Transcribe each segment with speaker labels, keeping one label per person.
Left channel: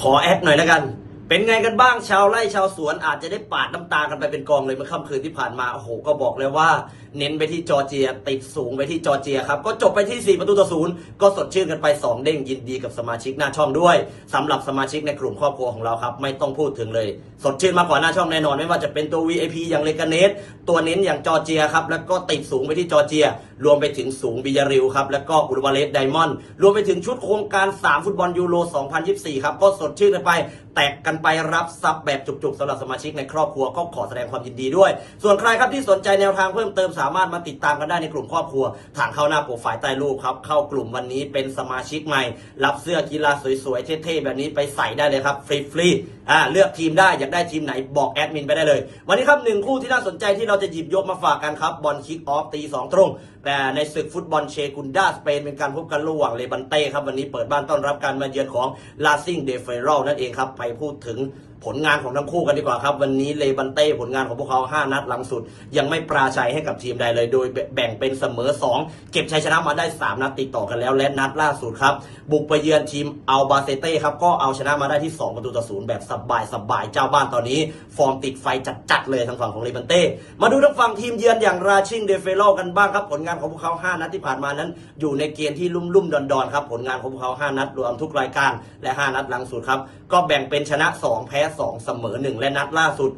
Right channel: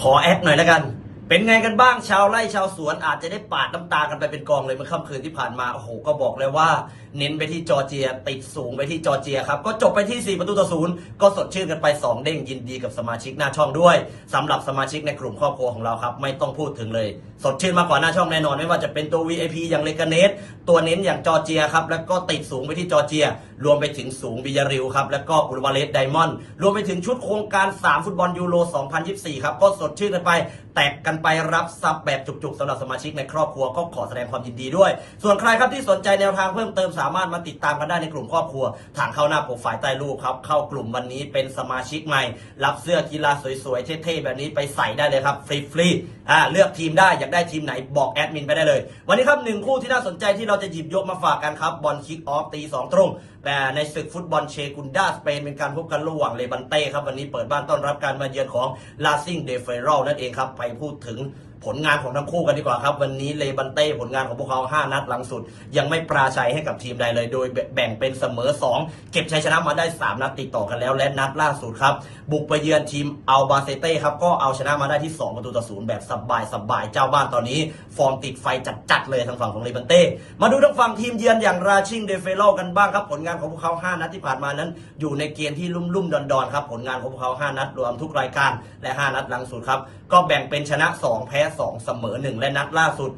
Speaker 1: ขอแอดหน่อยแล้วกัน เป็นไงกันบ้างชาวไร่ชาวสวนอาจจะได้ปาดน้ำตากันไปเป็นกองเลยเมื่อค่ำคืนที่ผ่านมาโอ้โหก็บอกเลยว่า เน้นไปที่จอร์เจีย ติดสูงไปที่จอร์เจียครับก็จบไปที่ 4 ประตูต่อศูนย์ก็สดชื่นกันไป 2 เด้งยินดีกับสมาชิกหน้าช่องด้วยสำหรับสมาชิกในกลุ่มครอบครัวของเราครับ ไม่ต้องพูดถึงเลย สดชื่นมากกว่าหน้าช่องแน่นอน ไม่ว่าจะเป็นตัว VIP อย่างเลกาเนสตัวเน้นอย่างจอร์เจียครับแล้วก็ติดสูงไปที่จอร์เจีย รวมไปถึงสูงบิยาริวครับแล้วก็อุรวาเลสไดมอนด์รวมไปถึงชุดโครงการ 3 ฟุตบอลยูโร 2024 ครับก็สดชื่นกันไปแตกกันไปรับซับแบบจุกๆสำหรับสมาชิกในครอบครัวก็ขอแสดงความยินดีด้วย ส่วนใครครับที่สนใจแนวทางเพิ่มเติมสามารถมาติดตามกันได้ในกลุ่มครอบครัว ทางเข้าหน้าโปรไฟล์ใต้รูปครับ เข้ากลุ่มวันนี้เป็นสมาชิกใหม่ รับเสื้อกีฬาสวยๆเท่ๆแบบนี้ไปใส่ได้เลยครับฟรีๆอ่าเลือกทีมได้อยากได้ทีมไหนบอกแอดมินไปได้เลย วันนี้ครับหนึ่งคู่ที่น่าสนใจที่เราจะหยิบยกมาฝากกันครับบอลคิกออฟตีสองตรงแต่ในศึกฟุตบอลเชกุนดาสเปนเป็นการพบกันระหว่างเลบันเต้ครับวันนี้เปิดบ้านต้อนรับการมาเยือนของลาซิงเดฟเฟรลนั่นเองครับไปพูดถึง这种ผลงานของทั้งคู่กันดีกว่าครับ วันนี้เลบันเต้ผลงานของพวกเขา 5 นัดหลังสุด ยังไม่ปราชัยให้กับทีมใดเลย โดยแบ่งเป็นเสมอ 2 เก็บชัยชนะมาได้ 3 นัดติดต่อกันแล้ว และนัดล่าสุดครับ บุกไปเยือนทีมอัลบาเซเต้ครับ ก็เอาชนะมาได้ที่ 2 ประตูต่อศูนย์แบบสบายสบายๆเจ้าบ้านตอนนี้ ฟอร์มติดไฟจัดๆเลยทางฝั่งของเลบันเต้มาดูทางฝั่งทีมเยือนอย่างราชิงเดเฟโลกันบ้างครับผลงานของพวกเขา 5 นัดที่ผ่านมานั้น อยู่ในเกณฑ์ที่ลุ่มๆดอนๆครับผลงานของพวกเขา 5 นัดรวมทุกรายการและ 5 นัดหลังสุดครับก็แบ่งเป็นชนะ 2 แพ้2 เสมอ 1 และนัดล่าสุด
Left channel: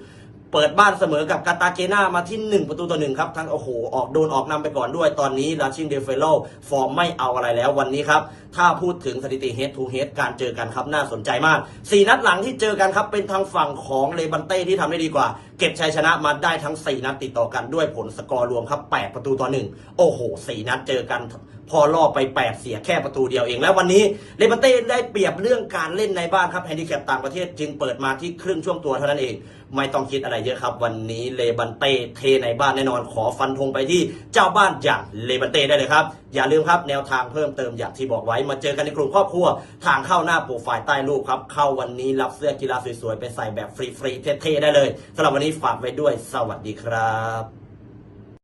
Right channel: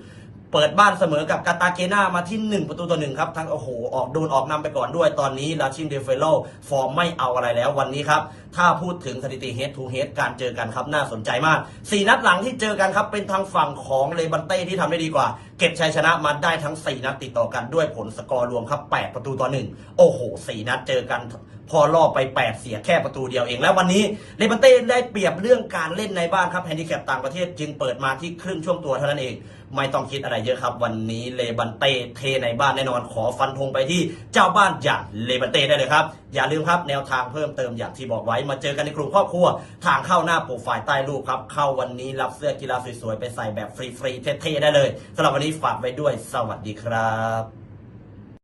Speaker 1: เปิดบ้านเสมอกับกาตาเกนามาที่ 1 ประตูต่อหนึ่งครับทั้งโอ้โหออกโดนออกนำไปก่อนด้วยตอนนี้ลาชิมเดเฟโลฟอร์มไม่เอาอะไรแล้ววันนี้ครับถ้าพูดถึงสถิติเฮดทูเฮดการเจอกันครับน่าสนใจมาก 4 นัดหลังที่เจอกันครับเป็นทางฝั่งของเลบันเต้ที่ทำได้ดีกว่า เก็บชัยชนะมาได้ทั้ง 4 นัดติดต่อกันด้วยผลสกอร์รวมครับ 8 ประตูต่อหนึ่งโอ้โห 4 นัดเจอกันพอล่อไป 8 เสียแค่ประตูเดียวเอง แล้ววันนี้เลบันเต้ได้เปรียบเรื่องการเล่นในบ้านครับแฮนดิแคปต่างประเทศจึงเปิดมาที่ครึ่งช่วงตัวเท่านั้นเอง ไม่ต้องคิดอะไรเยอะครับ วันนี้เลบันเต้เทในบ้านแน่นอนขอฟันธงไปที่เจ้าบ้านอย่างเลบันเต้ได้เลยครับอย่าลืมครับแนวทางเพิ่มเติมอย่างที่บอกไว้มาเจอกันในกลุ่มครอบครัว ทางเข้าหน้าโปรไฟล์ใต้รูปครับ เข้าวันนี้รับเสื้อกีฬาสวยๆ ไปใส่แบบฟรีๆ เท่ๆ ได้เลยสำหรับวันนี้ฝากไว้ด้วย สวัสดีครับ